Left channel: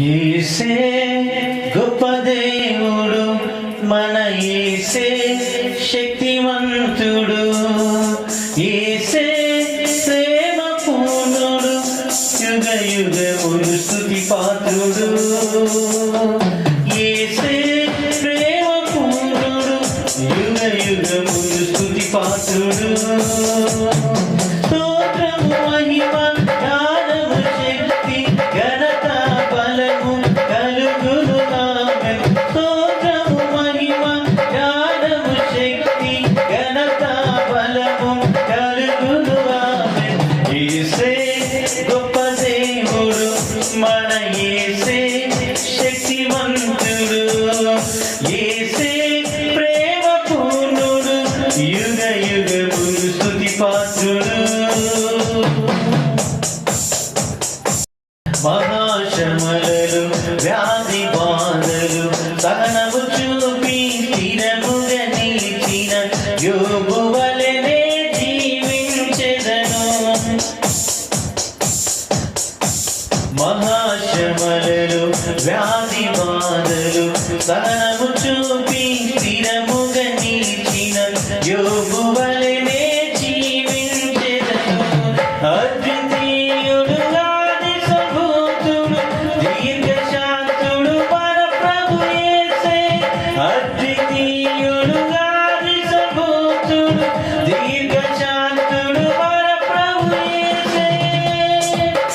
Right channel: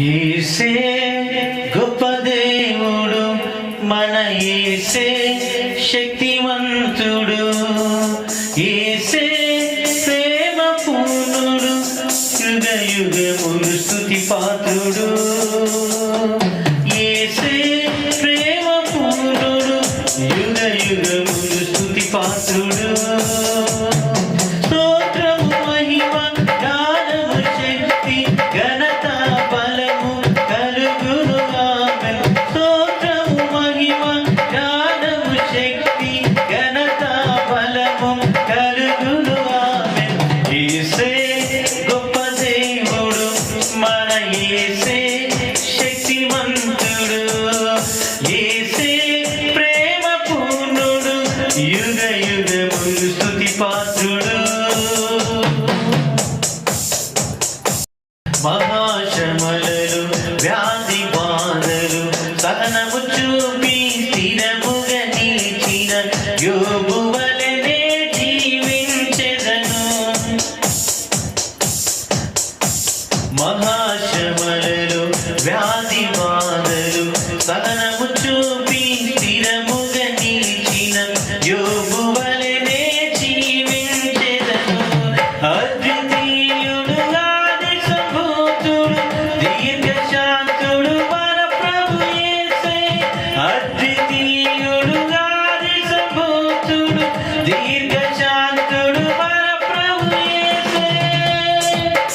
యేసే గొప్ప దేవుడు, మన యేసే శక్తివంతుడు, యేసే ప్రేమ పూర్ణుడు, యుగ యుగములు స్తుతి పాత్రుడు. యేసే ప్రేమ పూర్ణుడు, యుగ యుగములు స్తుతి పాత్రుడు. మహాశ్రమలలో వ్యాధి బాధలు సహనము చూపి స్థిరముగా నిలిచిన యోబు వలెనే జీవించెదను. మహాశ్రమలలో వ్యాధి బాధలు సహనము చూపి స్థిరముగా నిలిచిన యోబు వలెనే జీవించెదను. అద్వితీయుడుగా దీర్ఘశాంతుడు మన ప్రభు యేసే, అద్వితీయుడుగా నిజభూతుడు, దీర్ఘశాంతుడు మన ప్రభు యేసే.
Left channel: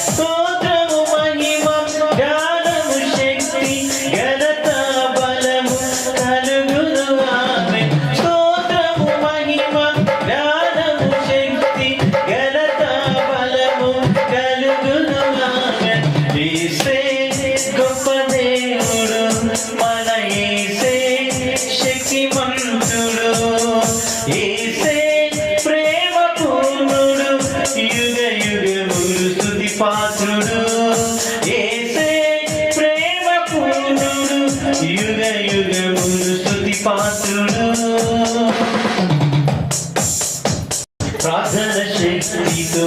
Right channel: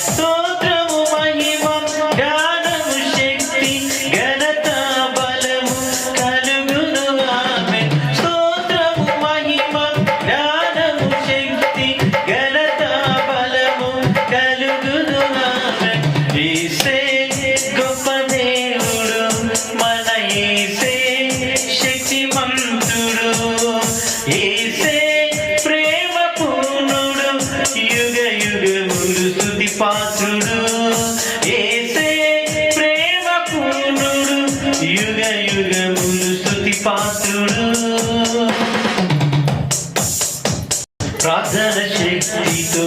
స్తోత్రము మహిమ జ్ఞానము శక్తి ఘనత బలము కలుగును ఆమేన్. స్తోత్రము మహిమ జ్ఞానము శక్తి ఘనత బలము కలుగును ఆమేన్. యేసే గొప్ప దేవుడు, మన యేసే శక్తివంతుడు, యేసే ప్రేమ పూర్ణుడు, యుగ యుగములు స్తుతి పాత్రుడు. యేసే ప్రేమ పూర్ణుడు, యుగ యుగములు స్తుతి పాత్రుడు. ప్రార్థన శక్తితో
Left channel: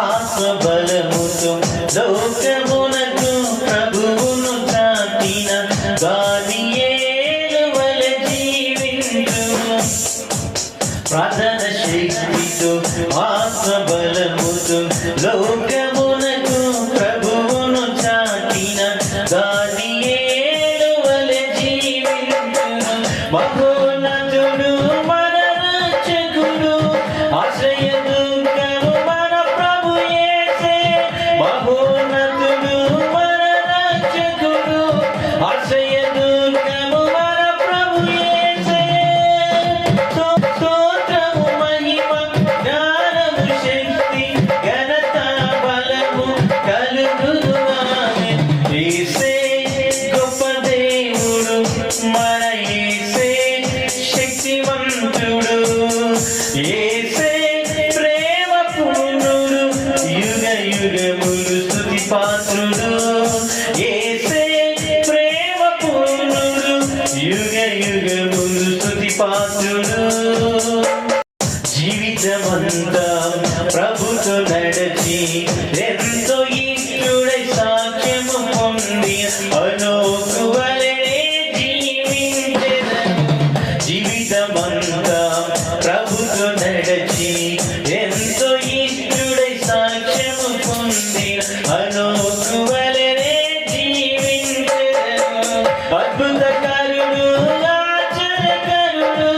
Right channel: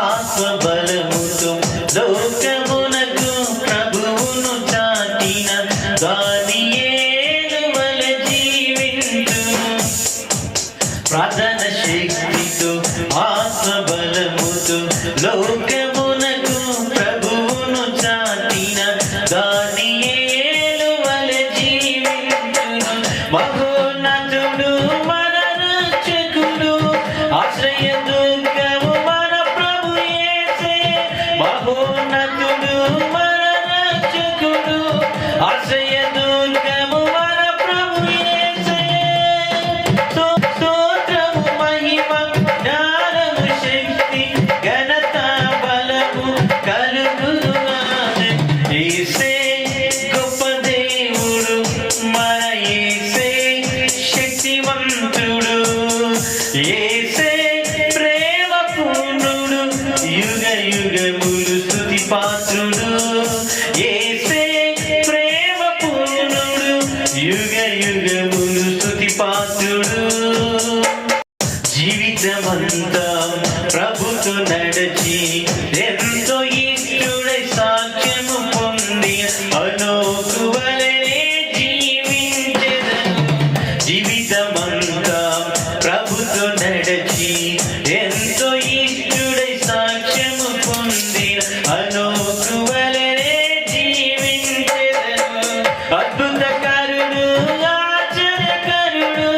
ఆత్మబలముతో లోకమునకు ప్రభువును చాటిన దానియేలు వలె జీవించు. ప్రార్థన శక్తితో ఆత్మబలముతో లోకమునకు ప్రభువును చాటిన దానియేలు వలె జీవించు. మహోన్నతుడు మన రక్షకుడు, ఆశ్రయ దుర్గము మన ప్రభు యేసే. మహోన్నతుడు మన రక్షకుడు, ఆశ్రయ దుర్గము మన ప్రభు యేసే. స్తోత్రము మహిమ జ్ఞానము శక్తి ఘనత బలము కలుగును ఆమేన్. యేసే గొప్ప దేవుడు, మన యేసే శక్తివంతుడు, యేసే ప్రేమ పూర్ణుడు, యుగ యుగములు స్తుతి పాత్రుడు. యేసే ప్రేమ పూర్ణుడు, యుగ యుగములు స్తుతి పాత్రుడు. జీవితమంతా ప్రభుతో నడచి ఎంతో ఇష్టడై సాక్ష్యము పొంది అనోకు వలెనే జీవించెదను. జీవితమంతా ప్రభుతో నడచి ఎంతో ఇష్టడై సాక్ష్యము పొంది అనోకు వలెనే జీవించెదను. అద్భుతకరుడు, ఆశ్చర్యకరుడు,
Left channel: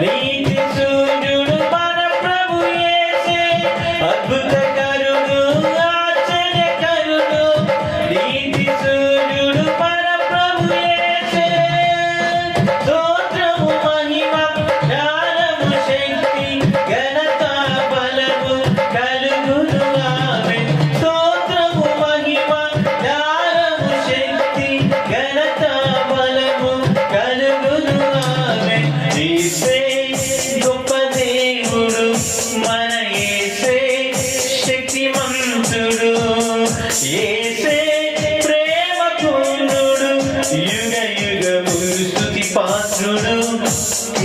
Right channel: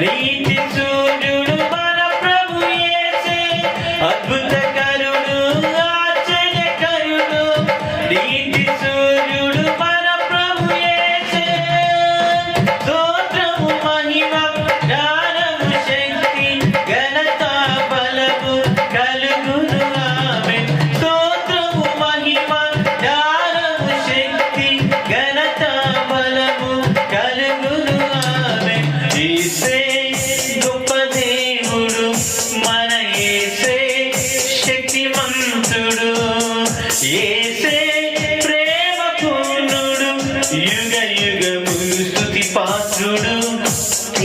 నీతి సూర్యుడు మన ప్రభు యేసే. అద్భుతకరుడు, ఆశ్చర్యకరుడు, నీతి సూర్యుడు మన ప్రభు యేసే. స్తోత్రము మహిమ జ్ఞానము శక్తి ఘనత బలము కలుగును ఆమేన్. స్తోత్రము మహిమ జ్ఞానము శక్తి ఘనత బలము కలుగును ఆమేన్. యేసే గొప్ప దేవుడు, మన యేసే శక్తివంతుడు, యేసే ప్రేమ పూర్ణుడు, యుగ యుగములు స్తుతి పాత్రుడు.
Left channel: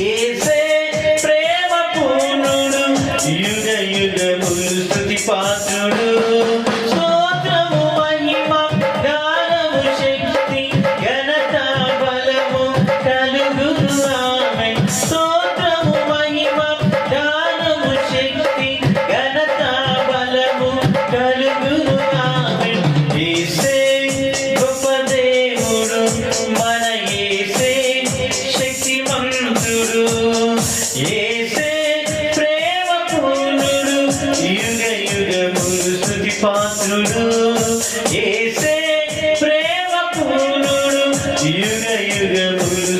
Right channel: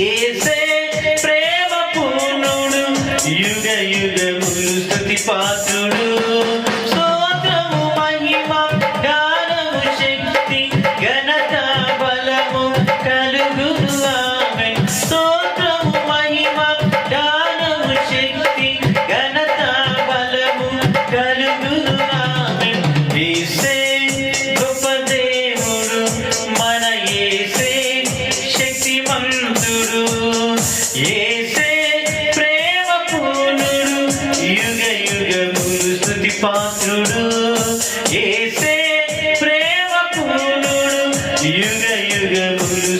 యేసే ప్రేమ పూర్ణుడు, యుగ యుగములు స్తుతి పాత్రుడు. స్తోత్రము మహిమ జ్ఞానము శక్తి పాత్రుడు యేసే ప్రేమ పూర్ణుడు యుగ యుగములు